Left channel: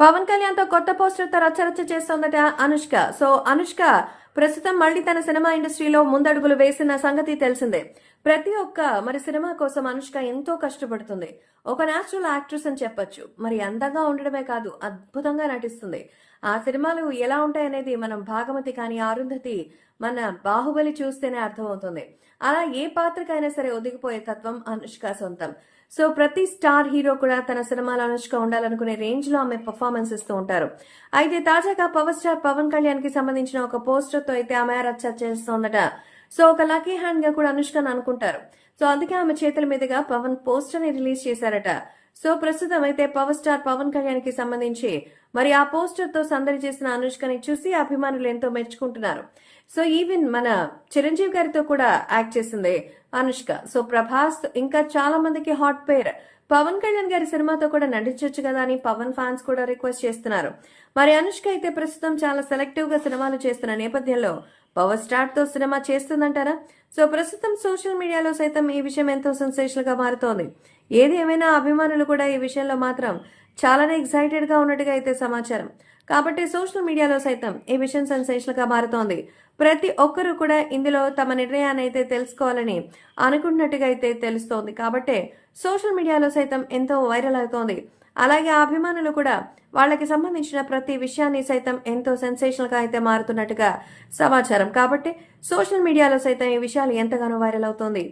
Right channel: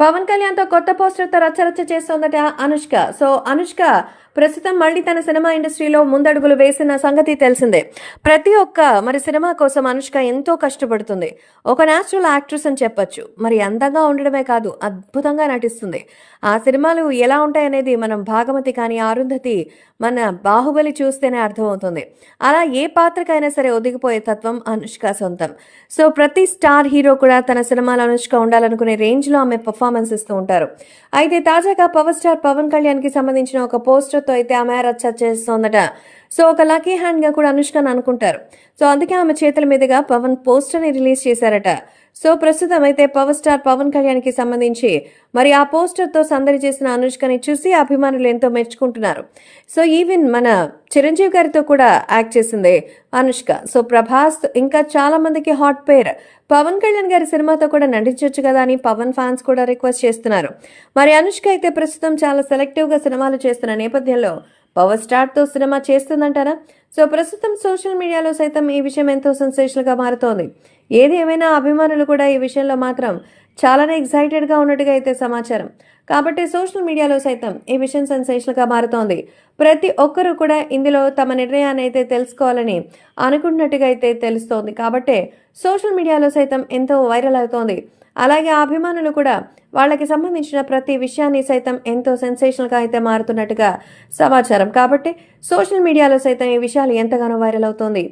పవన్ కళ్యాణ్తో కొత్త పోస్టర్తో రచ్చరచ్చ చేస్తోందట అనుష్క. సో అనుష్క ప్రస్తుతం మళ్ళీ తన సినిమా ఇండస్ట్రీలో ముందడుగులు వేసిన సంగతి తెలిసిందే. ప్రతి ఒక్క మరి సినిమా కోసం అనుష్క ఎంతో కష్టపడుతుంది. ఒక న్యాచురల్ యాక్ట్రెస్ అని చెప్పొచ్చు. మరి అందంగా ఉండడమే కాదు అద్భుతంగా నటిస్తుంది. ఆ సినిమాలు ఎలా ఉంటాయనేది మనం భాగమతి కానీ అరుంధతి మన బాహుబలి చూస్తేనే అర్థమవుతుంది. అలా ఏ పాత్రకైనా సరే ఒదిగిపోయే తత్వం అనుష్క సొంతం. సో ప్రతి స్టార్ హీరో కూడా తన సినిమాలో అనుష్క ఉండాలనుకునే రేంజ్లో ఆమె పర్ఫార్మెన్స్ ఇస్తూ ఉంటారు. అయితే తాజాగా పవర్ స్టార్ పవన్ కళ్యాణ్కి సంబంధించిన ఒక పోస్టర్ పోస్టర్తో అయితే ఆమె రచ్చ చేస్తోందట. సో ఒక లక్కీ హ్యాండ్గా కూడా అనుష్కని అనుకుంటారు. సో అందుకే ఆమె చేతుల మీదుగా పవన్ పోస్టర్ని రిలీజ్ చేశారట. సో ప్రస్తుతం అయితే పవర్ స్టార్ పవన్ కళ్యాణ్కి సంబంధించి మరి ఆ పోస్టర్తో సందడి చేసిన అనుష్కని చూసి అభిమానులు ఎంతో మెచ్చుకుంటున్నారు. సో ఈవెన్ మన చిరంజీవి గారితో కూడా యాక్ట్ చేసింది అనుష్క. సో ప్రభాస్ ఇంకా చాలా మందికి హాట్ పేర్. పవన్ కళ్యాణ్ గారి సినిమాతో కూడా నటించవచ్చు కదా అని పవన్ ఫ్యాన్స్ కూడా రిక్వెస్ట్ చేస్తున్నారు. మరి అనుష్క అయితే ప్రస్తుతం చాలా సెలెక్టివ్గా సినిమాలు చేస్తున్న నేపథ్యంలో పవర్ స్టార్తో సినిమా చేస్తుందంటారా? సో ప్రస్తుతం సోషల్ మీడియాలో సైతం ఈ విషయం ఎంతో సెన్సేషనల్గా మారుతోంది. ఏది ఏమైనా అభిమానులు కూడా ఈ విషయంలో మాత్రం చాలానే ఎగ్జైటెడ్గా ఉన్నట్టుగా అయితే సమాచారం. కాబట్టి సోషల్ మీడియాలో సైతం ఈ విషయం సెన్సేషన్గా మారుతోంది. ప్రతి ఒక్కరూ కూడా ఇందులో తమ నిర్ణయాన్ని అయితే తెలుసుకోవాలని అనుకుంటున్నట్టుగా అయితే తెలుస్తోంది. కాబట్టి సోషల్ మీడియాలో సైతం ఎంతో వైరల్ అవుతోంది. అలాగే ఆ అభిమానులు కూడా వాళ్ళకి సంబంధించిన ప్రతి విషయాన్ని సైతం ఎంతో సెన్సేషనల్గా అయితే మారుతున్నట్టుగా సమాచారం. కాబట్టి సోషల్ మీడియాలో సైతం ఈ విషయాలు ఎంతగానో వైరల్ అవుతోంది.